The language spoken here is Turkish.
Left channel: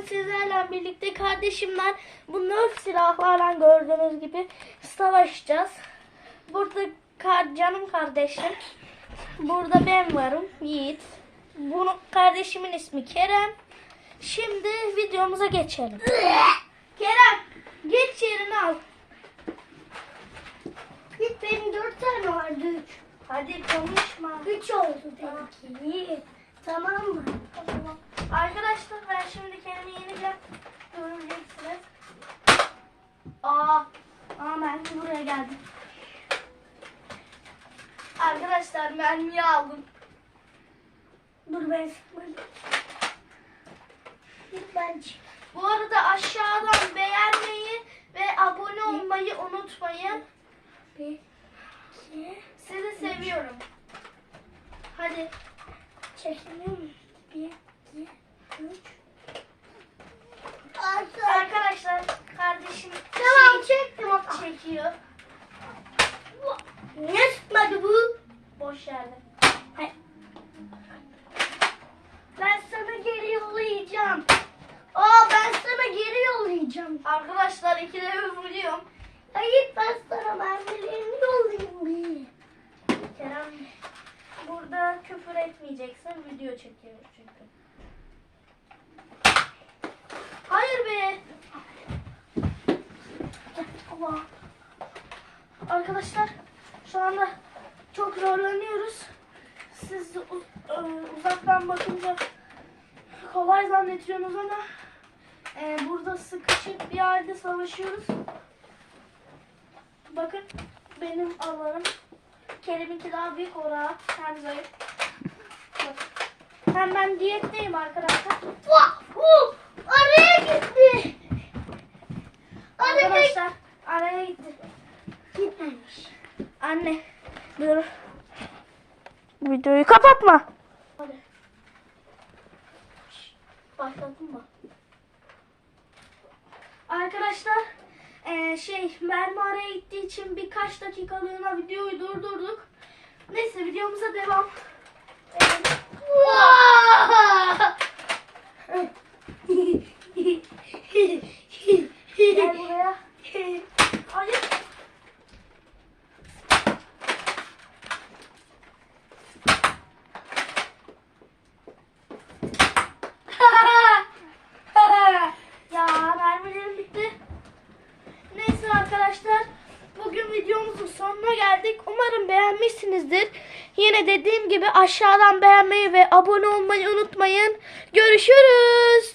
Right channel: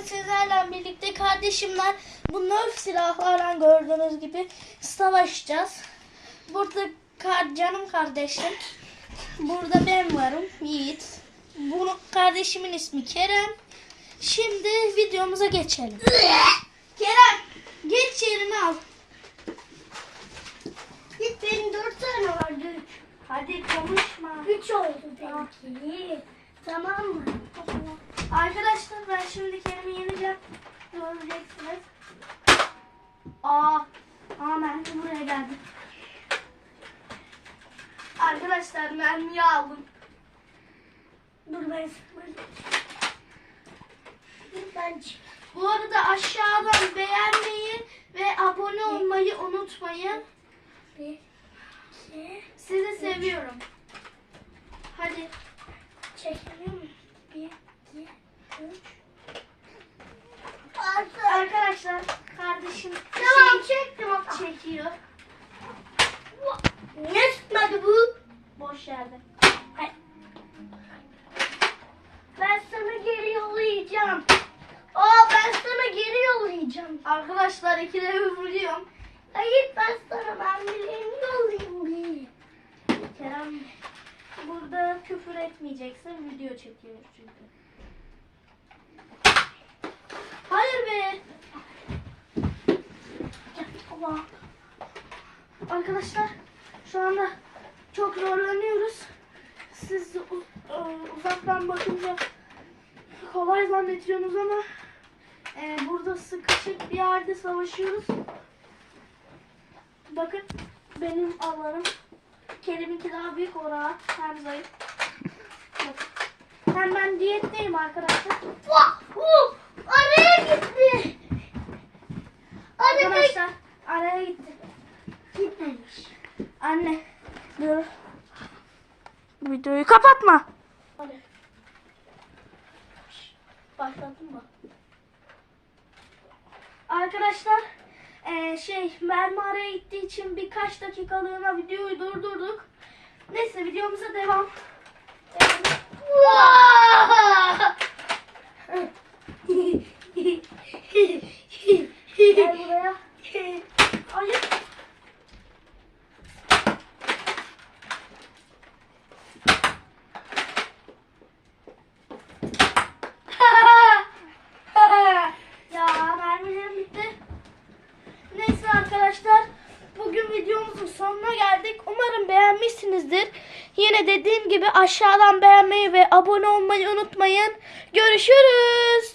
bugün sizlerle birlikte kardeşimler bu nerf silahlarla gördüğünüz gibi savaşacağız. Burada canım kardeşim. Burada ben varım Yiğit. Bunun kardeşimin ismi Kerem. Şimdi videomuza geçelim. Kerem geç yerini al. Git benim dört tane vardı. Hadi konuşma. Üç oldu benimki. Tamam mı? Arkadaşlar ben şimdi Kerem'i yeneceğim. Göreceksiniz. Aa, amen buraya geldim. Arkadaşlar mermiyi aldım. Dur ben ben. Bu arada aşağıdan beğenmeyi ve abone olmayı unutmayın. Sizi seviyorum. Hadi. çekiliyor mu? Bir, iki, üç. Arkadaşlar kardeşim Tamam şey çektim o çekiyor. Ne sıkmadı bu? Boş yerde. Ay. Ben sana geri yollayacağım. Aa ben sana geri yollayacağım. Arkadaşlar ikide bir vuruyorum. Hayır ben sana mermilerimi yollayayım bir. Kerem burada küfür etmeyeceksin. Video çekiyoruz çünkü. Hayır be. Allah. Arkadaşlar şu anda çok zorlanıyoruz. Siz uzaktan bakınca kolay zannediyorsunuz ama e, burada sıkışık bir yerde savaşıyoruz. Bakın benim alanım Kerim'inki daha büyük o rahat hem zayıf. Hem ben diyetteyim arkadaşlar. Vah! Uh! Araya gitti. Araya Arkadaşlar araya gitti. gitmemiş. Anne dur. Videoyu kapatma. Hadi. Başlattın mı? Arkadaşlar eee, şey mermi araya gittiği için birkaç dakikalığına videoyu durdurduk. Neyse videomuza devam. Gel buraya. sonuna geldik. Umarım beğenmişsinizdir. Yine dediğim gibi aşağıdan beğenmeyi ve abone olmayı unutmayın. Görüşürüz.